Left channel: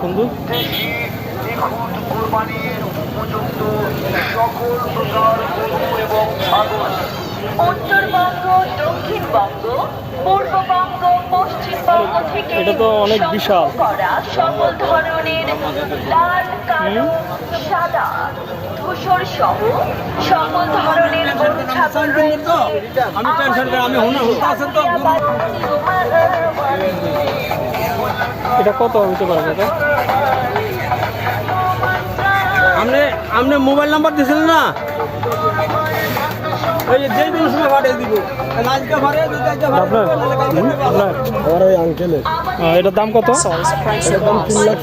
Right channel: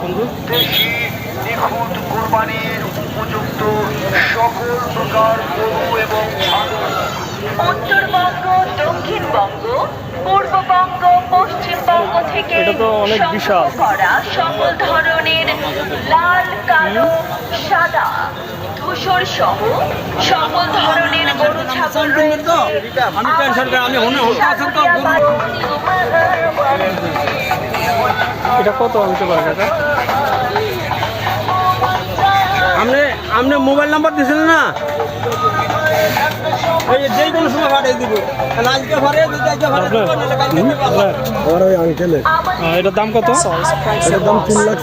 সুন্দর দেশি নিখুঁত কোরবানির উপযুক্ত সকল প্রকার গরু এবং ছাগল উত্তরবঙ্গ দক্ষিণবঙ্গ পশ্চিমবঙ্গ থেকে এটা তো অনেক বিশাল। সকল ধরনের লাল কালো সাদা ধূসর সহ সকল ধরনের গরু ছাগল আমি টেনশন করে আমি হুনে হুনতে আছেন তো এটা কত হইতে পারে কাকা? আপনি আপনি মোবাইল নাম্বার দিয়েছিলেন না? ওই যে কোনো সময় পাঠিয়ে দিব। আজকে আমার ওই আঙ্কেলের এটার দাম কত. তিন লাখ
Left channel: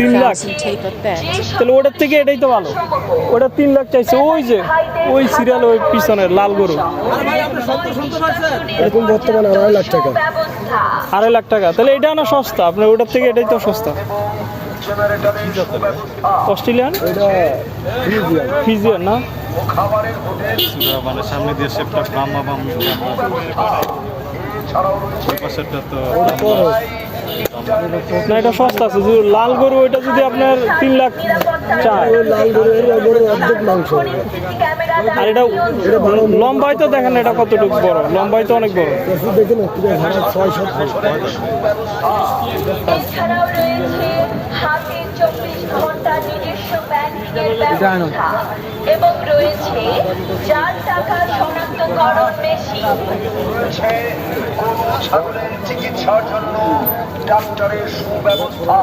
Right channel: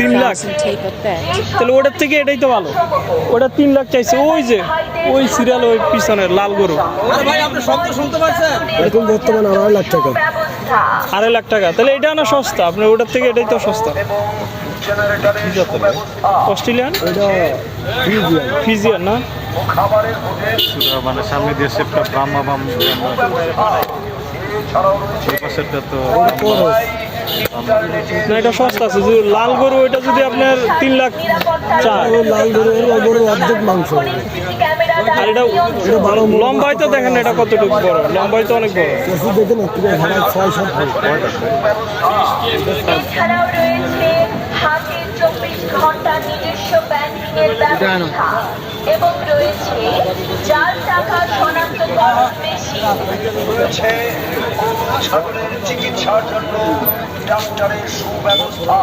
তিন লাখ? 300,000 take a bet. তাহলে ওটার থেকে এটাই তো ভালো। ওটা তিন লাখ চাইছে। ওই যে ওই সিরিয়াল ওই পিছনের লাল গরু। আরে ভাই আপনি শব্দ শুনতে পাচ্ছেন? এখন বর্তমানে আড়াই লাখ টাকা। আড়াই লাখ টাকা। তাহলে এটা না সস্তা। আপনার ওটার থেকে এটাই তো সস্তা। অস্ট্রেলিয়ান? ফিজিয়ান না? মানে সামনে দিয়ে সেটটা বাম এছাড়াও ওই পাশেরটা তো না এটা সস্তা আছে যদি লাল গরু ওইটা যদি আপনার তিন লাখ ওই লাল গরু গরু অর্ধেক মাংস। আর এটা লম্বাই তো দেখেন এটা কতটুকু বড় লম্বাই তো অনেক বড়। চাষি দেখে না তুমি হাজার ছয় সাত ফুট। এছাড়াও রয়েছে হাতির চব্বিশ ঘণ্টা নিজস্ব ব্যাংকিংয়ের ব্যবস্থা। এবং রয়েছে টাকা রয়েছে ছাগলের চিকিৎসার জন্য ডাক্তারের সুব্যবস্থা।